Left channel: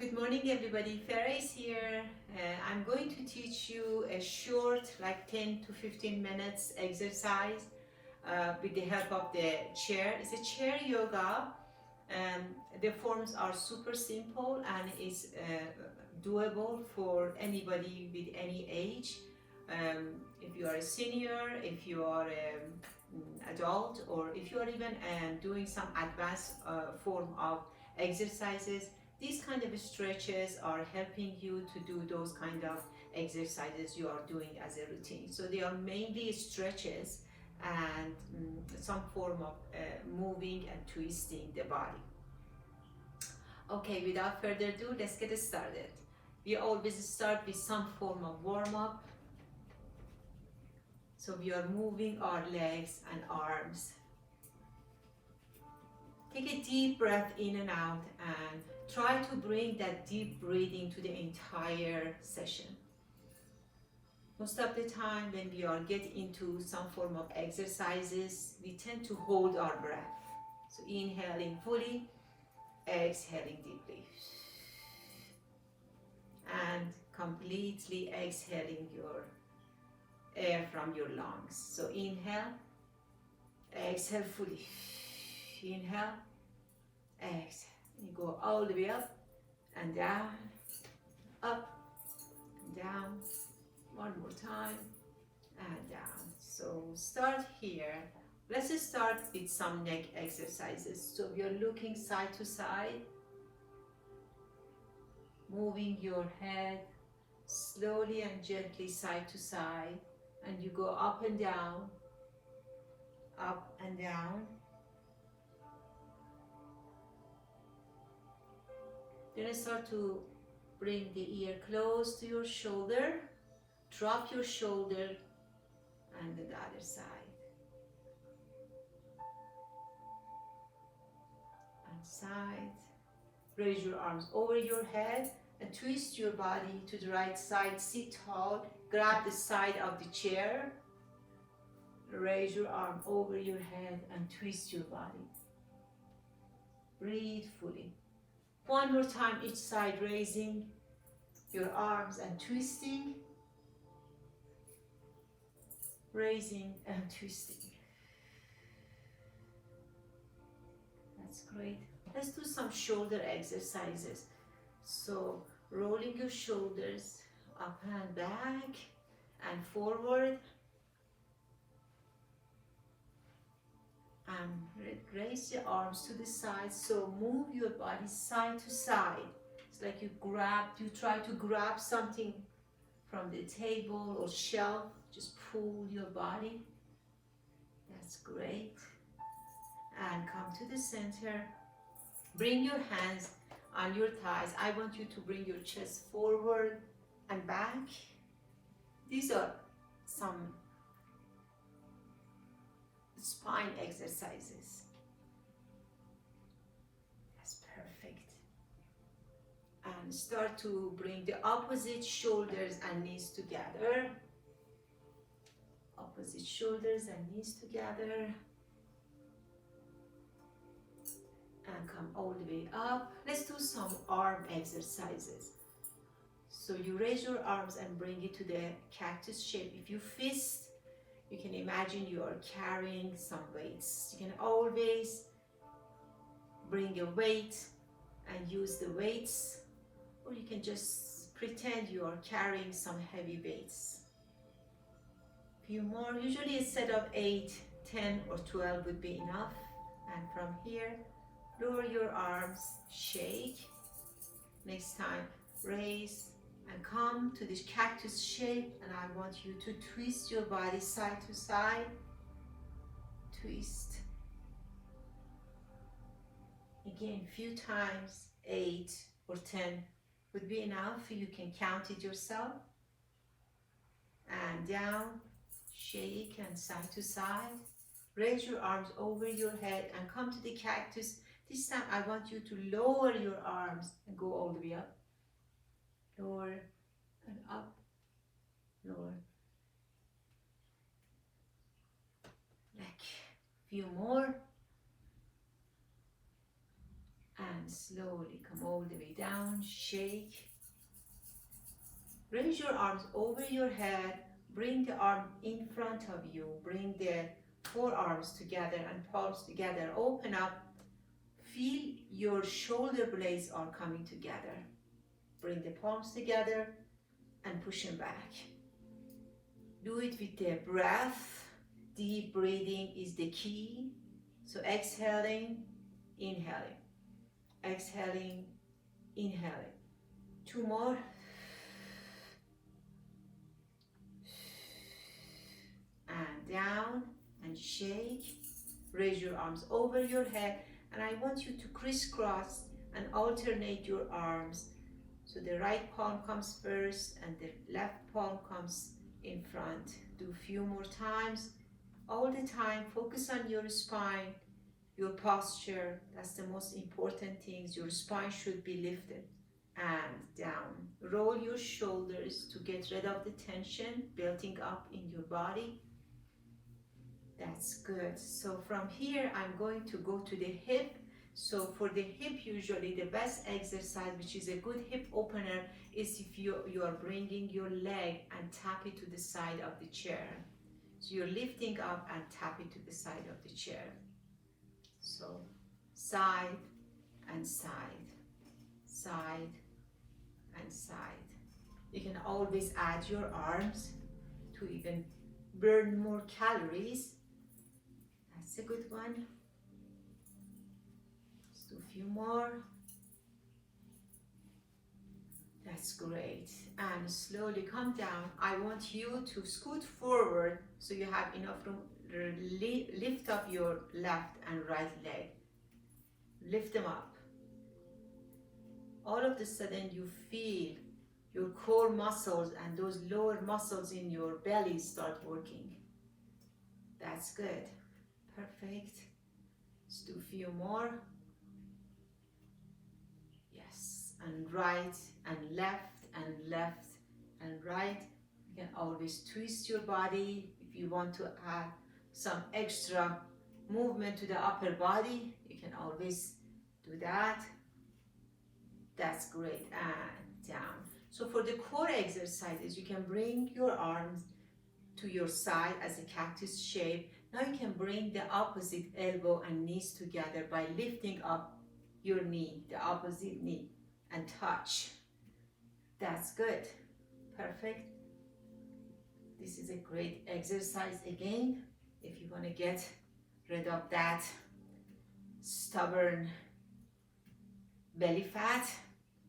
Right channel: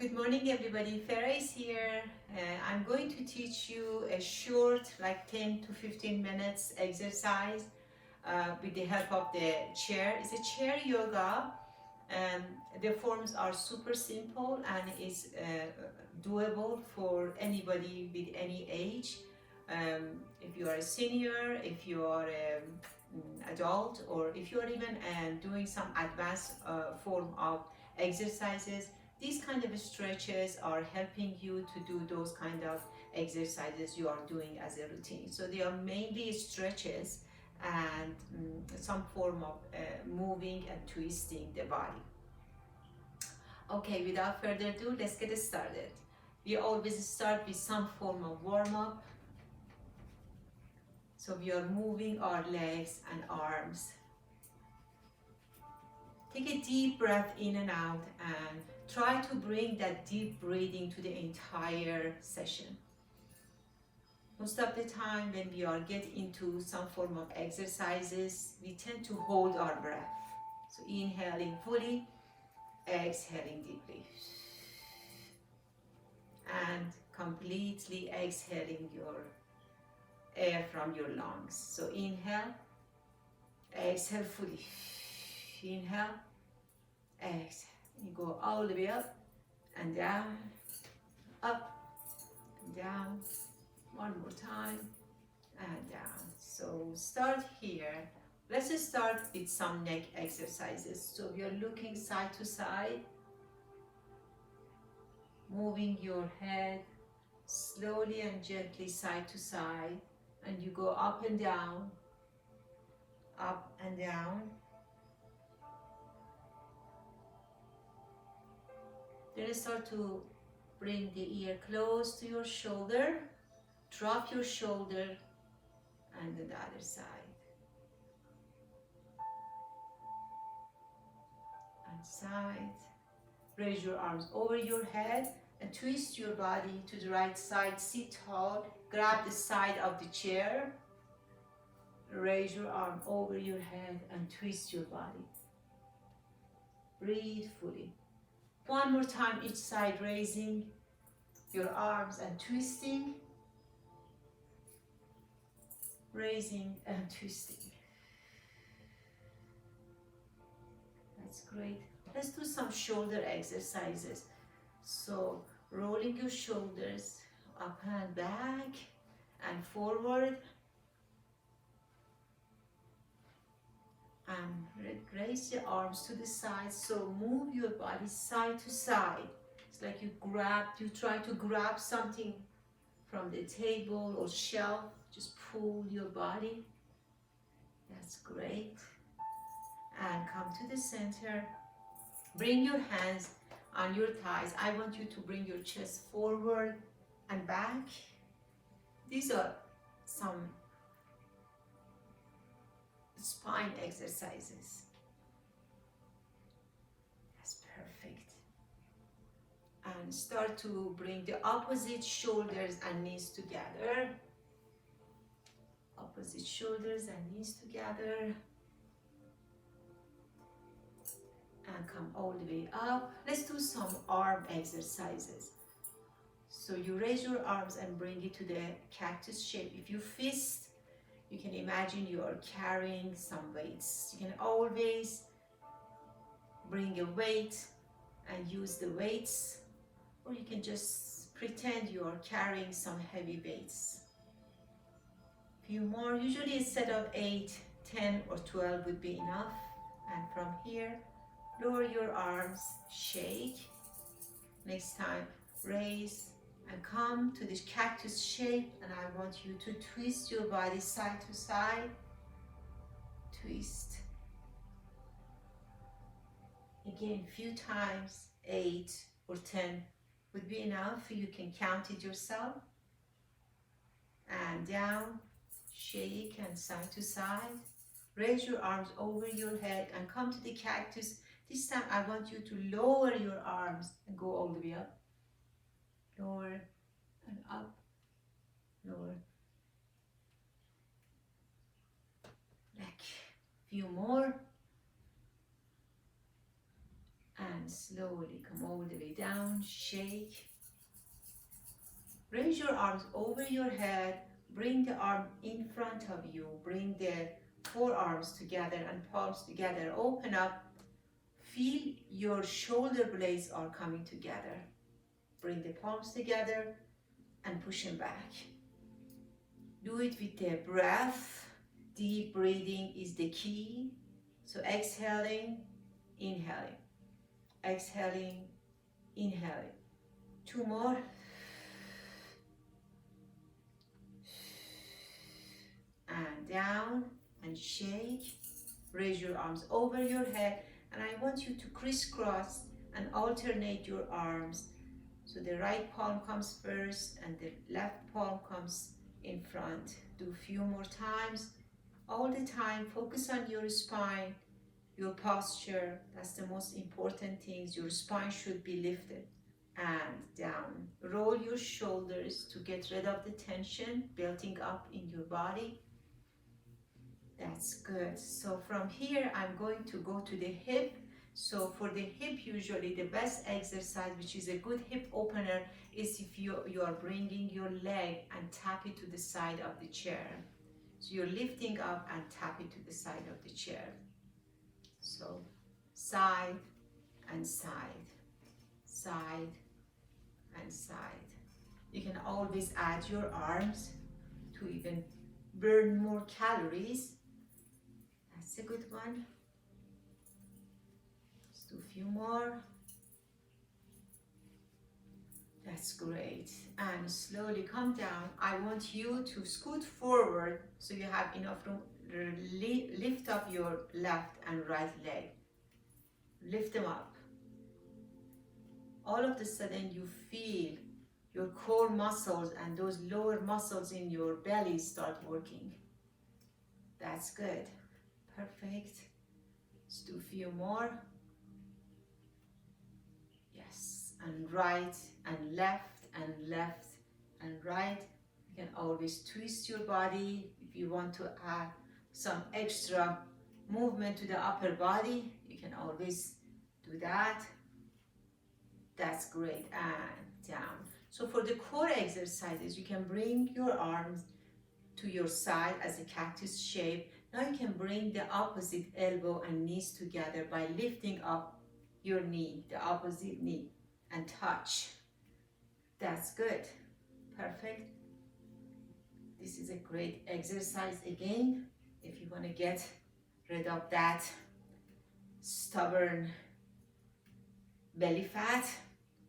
Good morning everybody, Farah is here. I'm going to teach you a short, like 10 to 15 minutes exercise with the help of the chair. It's a chair yoga and the forms are super simple and is doable for anybody with any age. If you are a senior, if you are an adult, or if you are even doing some advanced form of exercises, these kind of stretches are helping you to do those kind of exercises you are doing as a routine. So they are mainly stretches and some form of moving and twisting the body. Okay, without further ado, let's get started. We always start with some form of warm-up. So we are moving our legs and arms. Take a deep breath in and out and try to bring that deep breathing to the entire session. Most of the time when we are get into some form of exercises, we tend to hold our breath. So inhaling fully, exhaling deeply. And completely exhaling your air from your lungs. So inhale, exhale fully. Inhale, exhale. You go all the way up and down, up and down. One more time and down. So start here. Let's start with some neck exercises. So we are looking side to side, moving your head slowly and gently side to side, and you go up and down, up and down. Then start to bring the ear close to your shoulder, drop your shoulder, and then the other side. And side. Raise your arms over your head and twist your body to the right side. Sit tall, grab the side of the chair. Raise your arm over your head and twist your body. Breathe fully. One more time each side, raising your arms and twisting. Raising and twisting. That's great. Let's do some shoulder exercises. So rolling your shoulders up and back and forward. And raise your arms to the side. So move your body side to side. It's like you try to grab something from the table or shelf. Just pull your body. That's great. And come to the center. Bring your hands on your thighs. I want you to bring your chest forward and back. These are some spine exercises. That's perfect. And start to bring the opposite shoulders and knees together. Opposite shoulders and knees together. And come all the way up. Let's do some arm exercises. So you raise your arms and bring it to the cactus shape. If you fist, you can imagine you are carrying some weights. You can always bring a weight and use the weights, or you can just pretend you are carrying some heavy weights. Few more. Usually a set of 8, 10 or 12 would be enough. And from here, lower your arms, shake. Next time, raise and come to this cactus shape, and I want you to twist your body side to side. Twist. Again, few times, 8 or 10 would be enough. You can count it yourself. And down, shake and side to side. Raise your arms over your head and come to the cactus. This time I want you to lower your arms and go all the way up. Lower and up. Lower. Back. Few more. And slowly come all the way down, shake. Raise your arms over your head. Bring the arm in front of you. Bring the forearms together and palms together. Open up. Feel your shoulder blades are coming together. Bring the palms together and push them back. Do it with the breath. Deep breathing is the key. So exhaling, inhaling. Exhaling, inhaling. 2 more. And down and shake. Raise your arms over your head, and I want you to crisscross and alternate your arms. So the right palm comes first and the left palm comes in front. Do a few more times. All the time, focus on your spine, your posture. That's the most important thing. Your spine should be lifted. And down. Roll your shoulders to get rid of the tension building up in your body. That's good. So from here, I'm going to go to the hip. So for the hip, usually the best exercise, which is a good hip opener, is if you are bringing your leg and tap it to the side of the chair. So you're lifting up and tap it to the side of the chair. So side and side, side and side. You can always add your arms to even burn more calories. That's a good one. Let's do a few more. That's great. And slowly come down. I want you to scoot forward so you have enough room. Lift up your left and right leg. Lift them up. All of a sudden you feel your core muscles and those lower muscles in your belly start working. That's good. Perfect. Let's do a few more. Yes. And right and left and left and right. You can always twist your body if you want to add some extra movement to the upper body. You can always do that. That's great. And down. So for the core exercises, you can bring your arms to your side as a cactus shape. Now you can bring the opposite elbow and knees together by lifting up your knee, the opposite knee, and touch. That's good. Perfect. This is a great exercise again. If you want to get rid of that stubborn belly fat,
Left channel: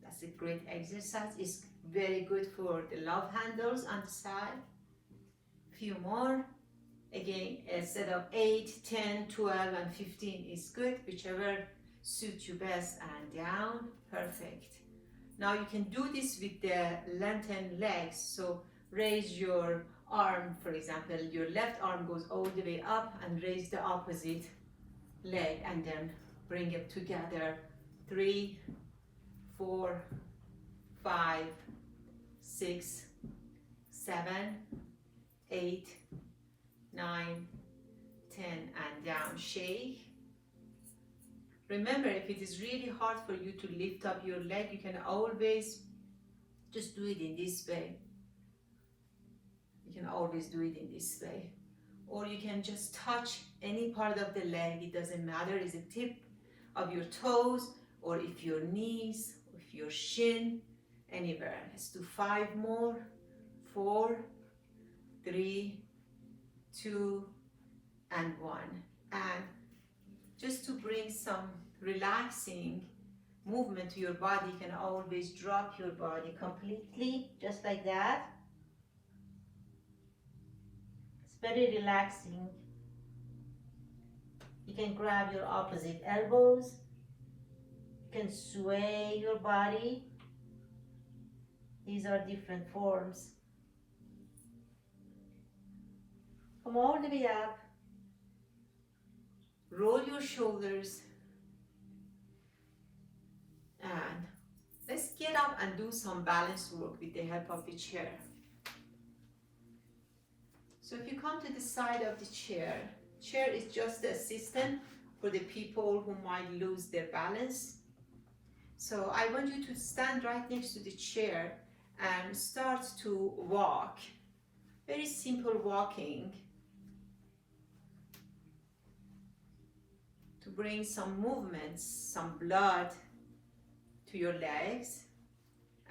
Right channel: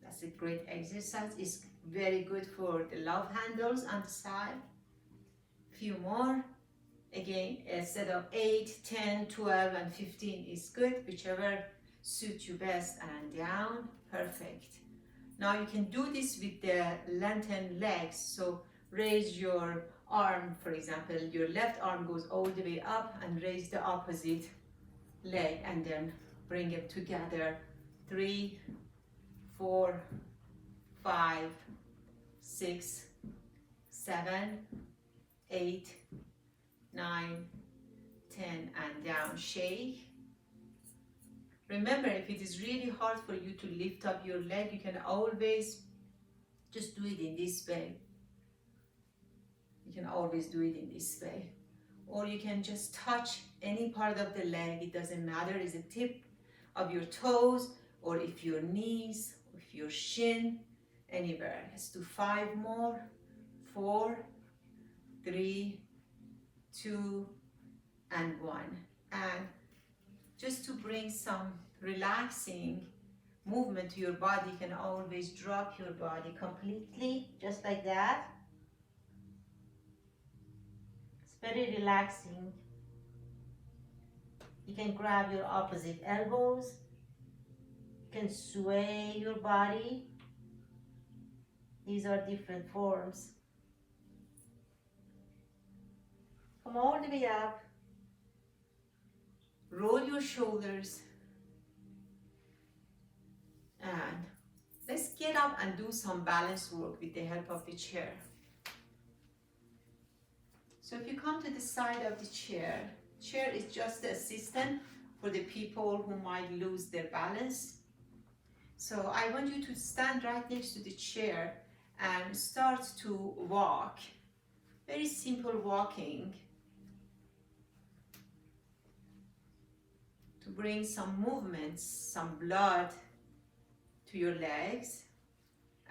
that's a great exercise. It's very good for the love handles on the side. Few more. Again, instead of 8, 10, 12, and 15 is good, whichever suits you best. And down. Perfect. Now you can do this with the lengthened legs. So raise your arm, for example, your left arm goes all the way up, and raise the opposite leg and then bring it together. 3, 4, 5, 6, 7, 8, 9, 10, and down. Shake. Remember, if it is really hard for you to lift up your leg, you can always just do it in this way. You can always do it in this way. Or you can just touch any part of the leg. It doesn't matter. Is the tip of your toes, or if your knees, or if your shin, anywhere. Let's do 5 more. 4, 3, 2, and 1. And just to bring some relaxing movement to your body, you can always drop your body completely, just like that. It's very relaxing. You can grab your opposite elbows. You can sway your body. These are different forms. Come all the way up. Roll your shoulders. And let's get up and do some balance work with the help of the chair. So if you come to the side of the chair is just the assistant for the people who might lose their balance. So I want you to stand right next to the chair and start to walk. Very simple walking to bring some movements, some blood to your legs.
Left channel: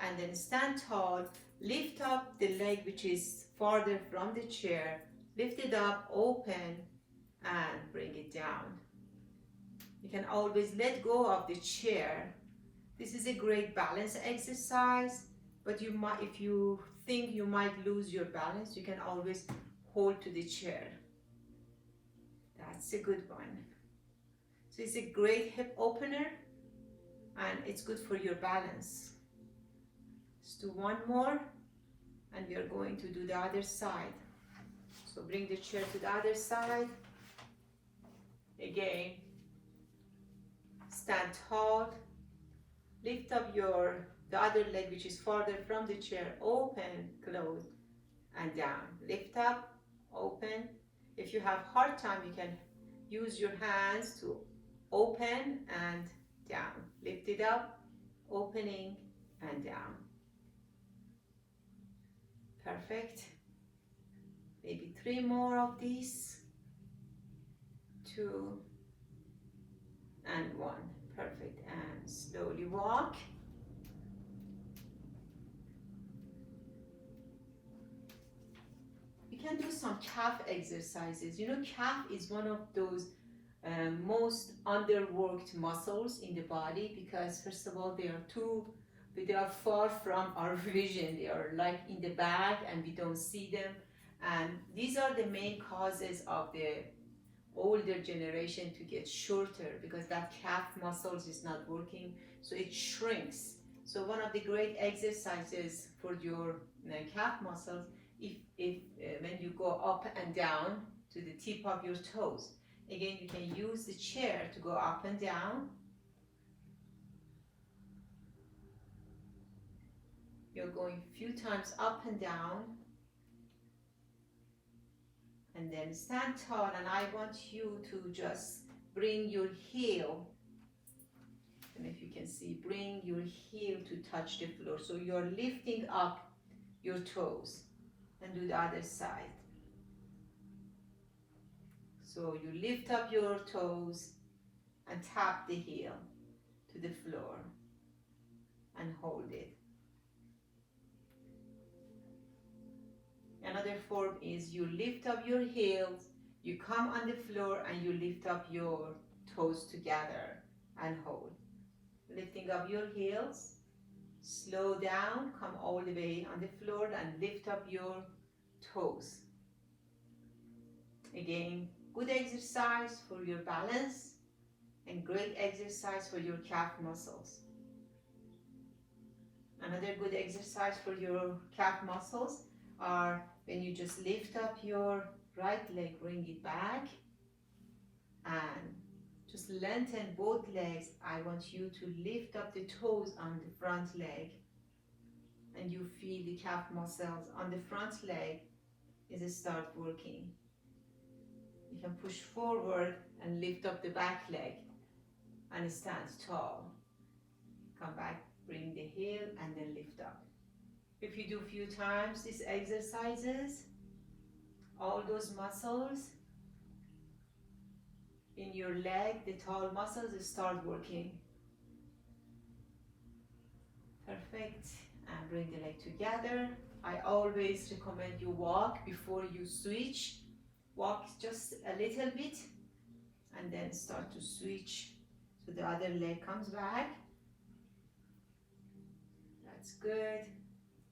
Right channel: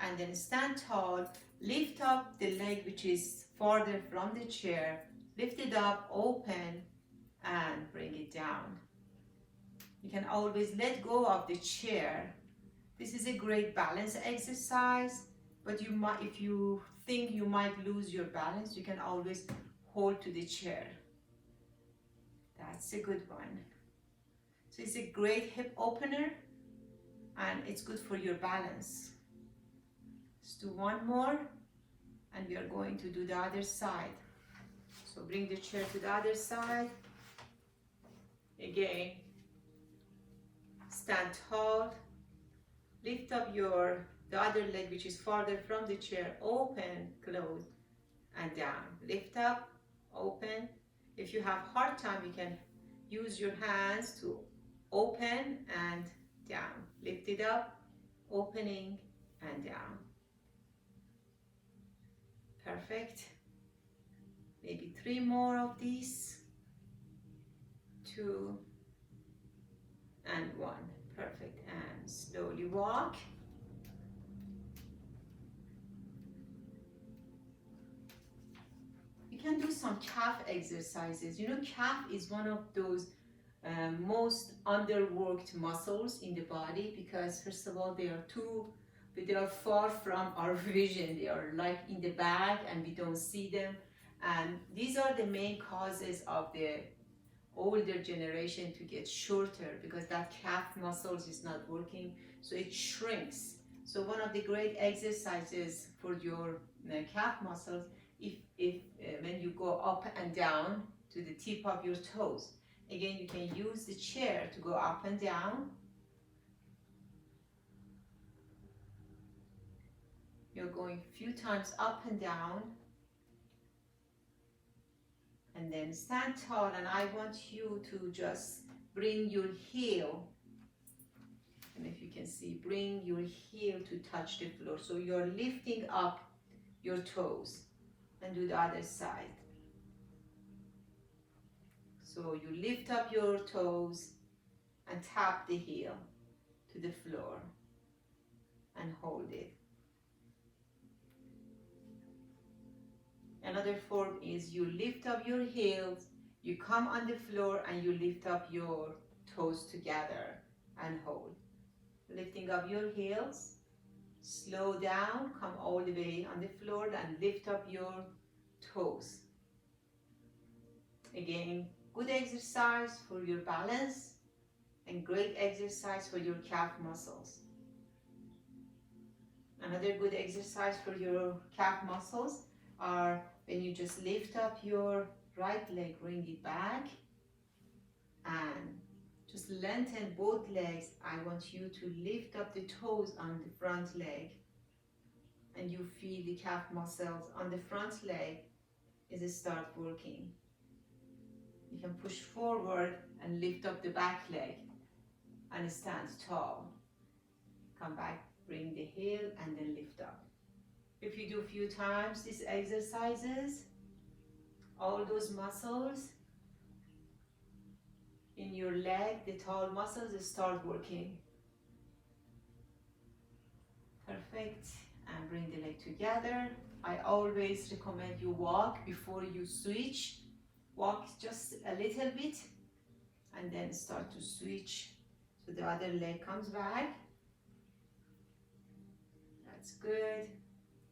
And then stand tall, lift up the leg which is farther from the chair, lift it up, open, and bring it down. You can always let go of the chair. This is a great balance exercise, but you might, if you think you might lose your balance, you can always hold to the chair. That's a good one. So it's a great hip opener and it's good for your balance. Let's do one more and we are going to do the other side. So bring the chair to the other side. Again, stand tall, lift up the other leg which is farther from the chair, open, close, and down. Lift up, open. If you have hard time, you can use your hands to open and down. Lift it up, opening and down. Perfect. Maybe 3 more of these. 2 and 1. Perfect. And slowly walk. You can do some calf exercises. You know, calf is one of those most underworked muscles in the body because first of all they are far from our vision. They are like in the back and we don't see them, and these are the main causes of the older generation to get shorter because that calf muscles is not working, so it shrinks. So one of the great exercises for your calf muscles, if when you go up and down to the tip of your toes. Again, you can use the chair to go up and down. You're going a few times up and down. And then stand tall, and I want you to just bring your heel, and if you can see, bring your heel to touch the floor. So you're lifting up your toes, and do the other side. So you lift up your toes and tap the heel to the floor and hold it. Another form is you lift up your heels, you come on the floor and you lift up your toes together and hold. Lifting up your heels, slow down, come all the way on the floor and lift up your toes. Again, good exercise for your balance and great exercise for your calf muscles. Another good exercise for your calf muscles are when you just lift up your right leg, bring it back and just lengthen both legs. I want you to lift up the toes on the front leg and you feel the calf muscles on the front leg as it start working. You can push forward and lift up the back leg and stand tall. Come back, bring the heel and then lift up. If you do a few times these exercises, all those muscles in your leg, the tall muscles, start working. Perfect. And bring the leg together. I always recommend you walk before you switch. Walk just a little bit and then start to switch. So the other leg comes back. That's good.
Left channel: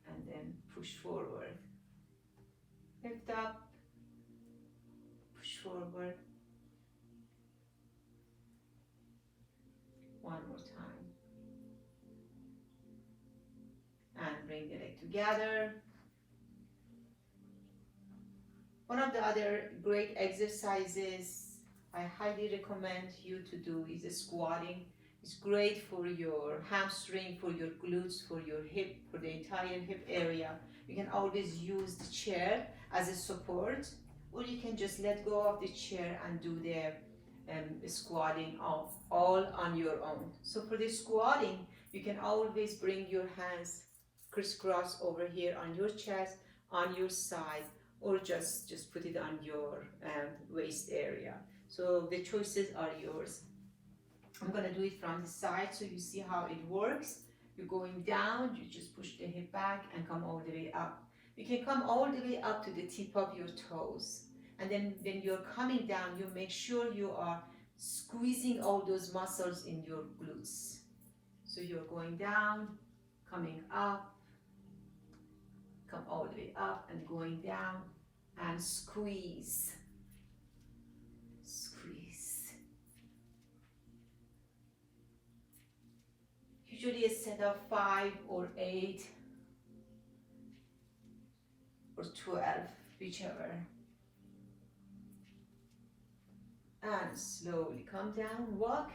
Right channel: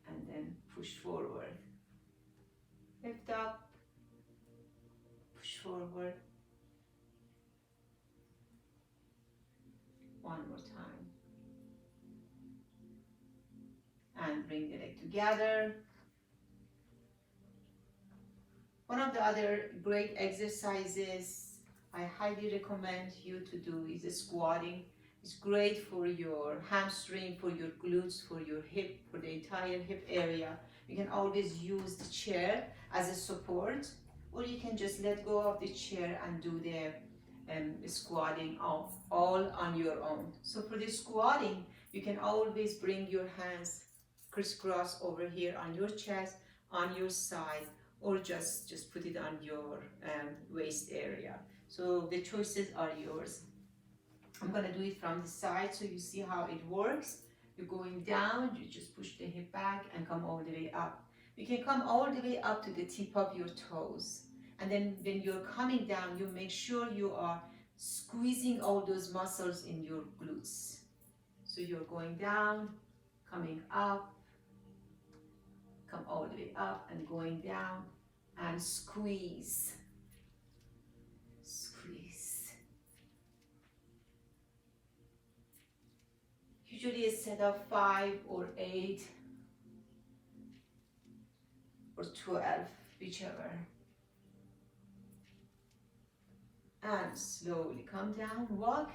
And then push forward. Lift up. Push forward. One more time. And bring the leg together. One of the other great exercises I highly recommend you to do is squatting. It's great for your hamstring, for your glutes, for your hip, for the entire hip area. You can always use the chair as a support, or you can just let go of the chair and do the squatting all on your own. So for the squatting, You can always bring your hands crisscross over here on your chest, on your side, or just put it on your waist area. So the choices are yours. I'm gonna do it from the side so you see how it works. You're going down, you just push the hip back and come all the way up. You can come all the way up to the tip of your toes. And then when you're coming down, you make sure you are squeezing all those muscles in your glutes. So you're going down, coming up, come all the way up and going down, and squeeze, squeeze. Usually a set of 5 or 8 or 12, whichever. And slowly come down, walk.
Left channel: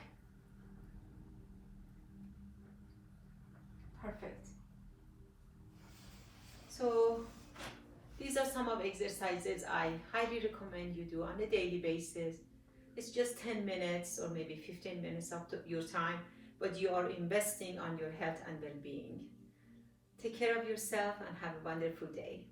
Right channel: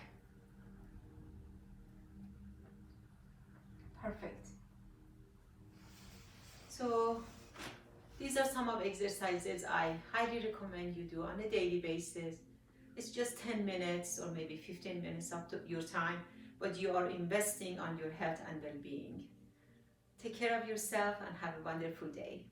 Perfect. So these are some of exercises I highly recommend you do on a daily basis. It's just 10 minutes or maybe 15 minutes up to your time, but you are investing on your health and well-being. Take care of yourself and have a wonderful day.